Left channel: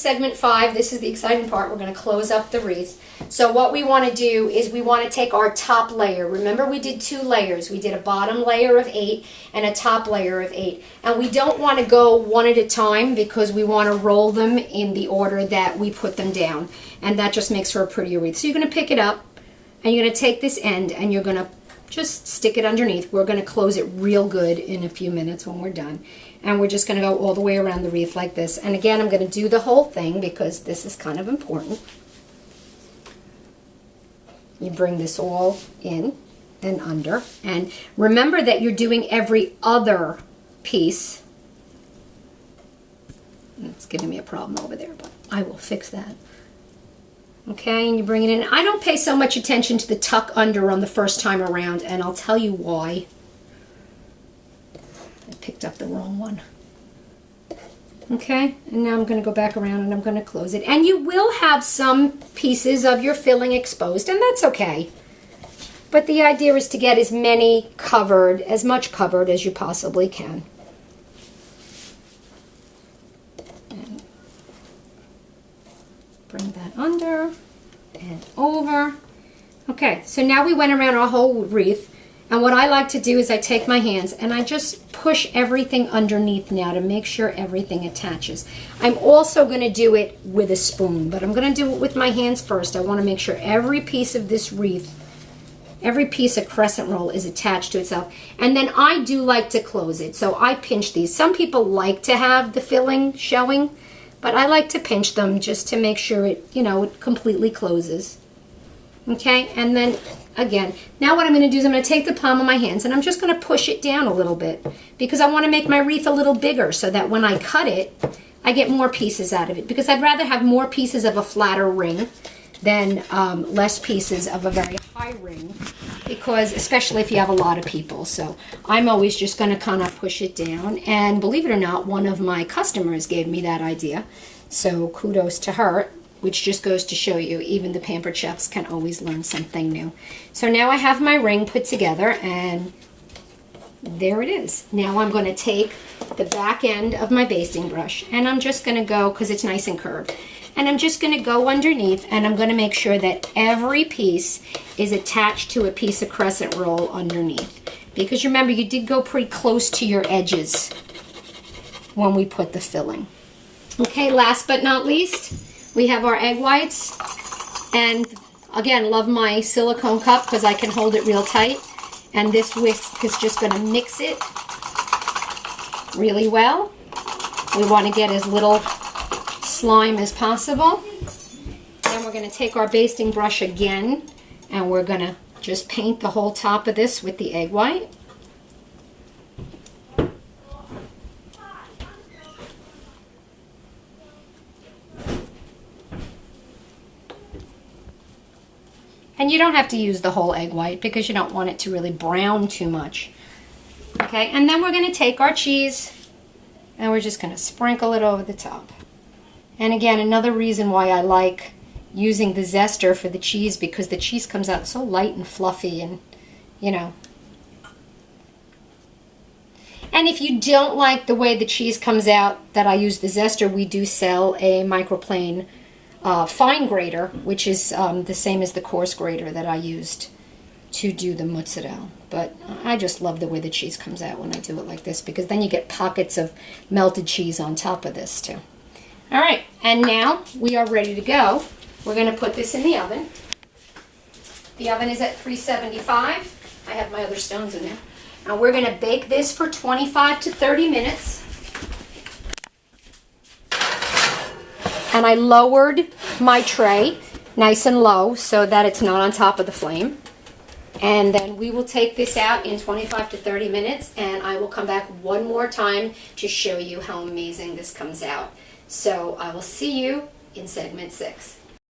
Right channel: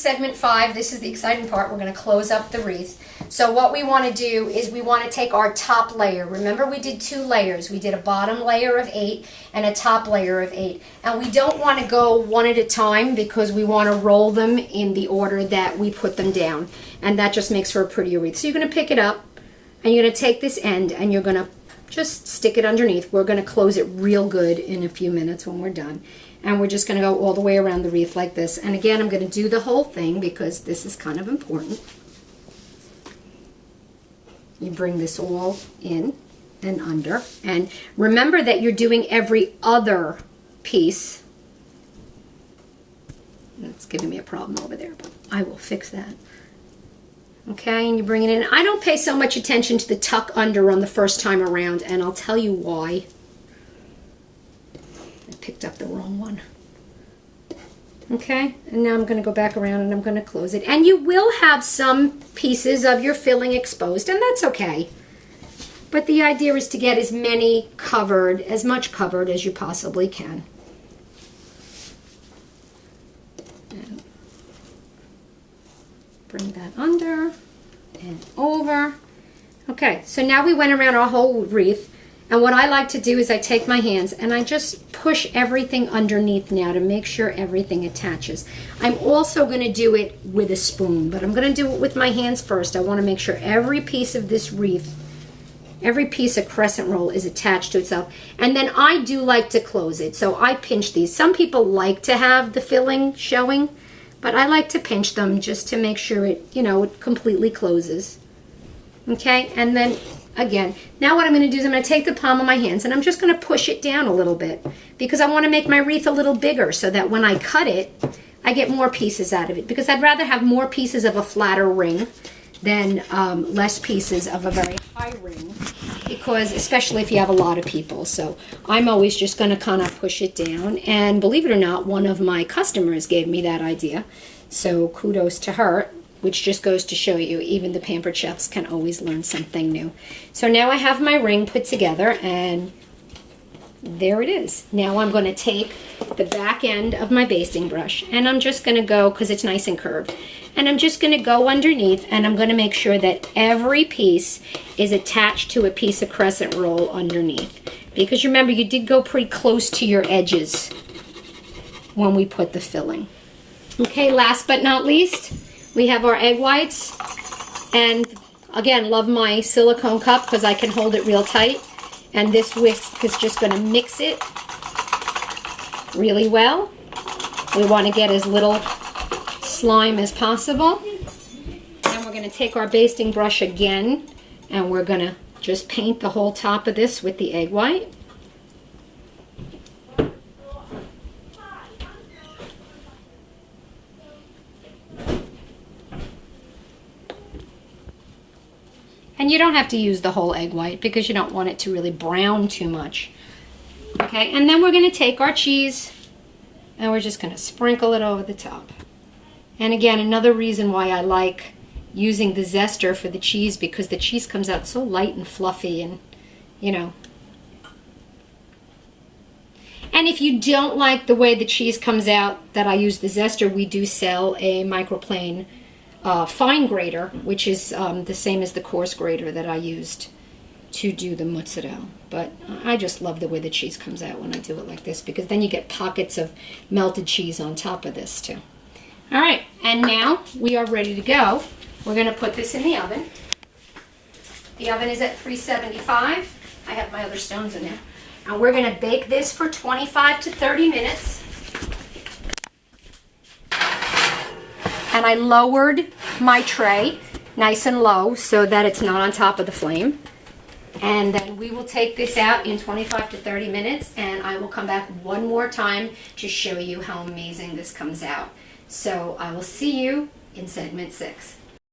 Segment 5, this is the exciting part. We're going to close up the wreath. So what we want to do is we want to take our top layer. Remember, we did 2 layers. We did a bottom layer of 8 and a top layer of 8. And we don't want to go one at a time because we want to roll them in the order that we put them down. And that just makes for a prettier wreath. So you're going to pick it up and you're going to take this end and you're going to just stick it underneath. We're going to close it real good in a few minutes when we're done. And we're just going to go all the way around the wreath like this. And again, I'm going to do the whole thing because this is kind of important. You bring this all in and under. And remember that you're doing every other piece. That's giving me a problem over there, but I will fix that. Okay, and you bring it in. I don't pay so much attention to the tuck under on the first time around, and I'll tell you why. I picked up the wrong one. Okay, and now I'm going to go back around and I'm going to close it. And you will have some pieces of your filling exposed, and that's okay. But the idea is to get as much covered as you possibly can. Bring that under and over. Okay, so now we went around our whole wreath. And what I like to do is I take my hands and I just push everything underneath now to make sure everything attaches. I'm also going to do it with a spoon, but I'm going to do it with my hands first. I want to make sure every piece of this wreath, every piece of crescent roll is attached to itself. And then I do like to close it, so I pinch these. Some people like to have the filling showing, but I like to pinch them just to make sure it, it completely closes. Okay, and then again, now what I'm going to do is I'm going to take the palm of my hands and I'm just going to push it down a little bit because I want to make my wreath a little bigger so that when I cut it, I get more pieces out of it, because I'd rather have more pieces of a flatter ring than less pieces of a very high ring, because especially if you have a lot of people. So I'm always just going to kind of push it down, and believe it or not, one of my customers gave me that idea, so kudos to her, which just goes to show you even the pampered chefs can always learn something new. So now I have my ring put together, and there it is. Now I'm going to take the back end of my basting brush, and I'm just going to go, because it's nice and curved, and I'm just going to go underneath, and I'm going to make sure that every piece is attached to a piece of crescent roll underneath. Because remember, you did go pretty close to your edges when we put the filling. Okay, last but not least, we have our egg whites. And again, love my silicone cup because I can hold it real tight. And this whisk is just going to mix it really well. We want to get as little slime as possible. Then we're going to take our basting brush again, and we're going to just paint the whole top of this with the egg white. And you don't have to use the whole egg white because you don't want it to really brown too much. Okay, and then we're going to take our cheese and we're just going to sprinkle it over the top. And again, another reason why I like using the zester for the cheese, because the cheese comes out so light and fluffy, and And if you don't like the way the cheese comes out that I use the zester, we do sell a microplane fine grater, which is the same as the coarse grater that I used to do the mozzarella. But I just love the way the cheese comes out when I do it like this, because then you get pockets of melted cheese on top of this too. All right, and now we are ready to go. We're going to put this in the oven. The oven is at 375. I have my other stones in there. And we're going to bake this for 25 to 30 minutes. And I lowered my tray nice and low so that it's not on top of the flame. And then we will take this out in 25 to 30 minutes, and I will come back one more time to show you how amazing this comes out. So I will see you in segment 6.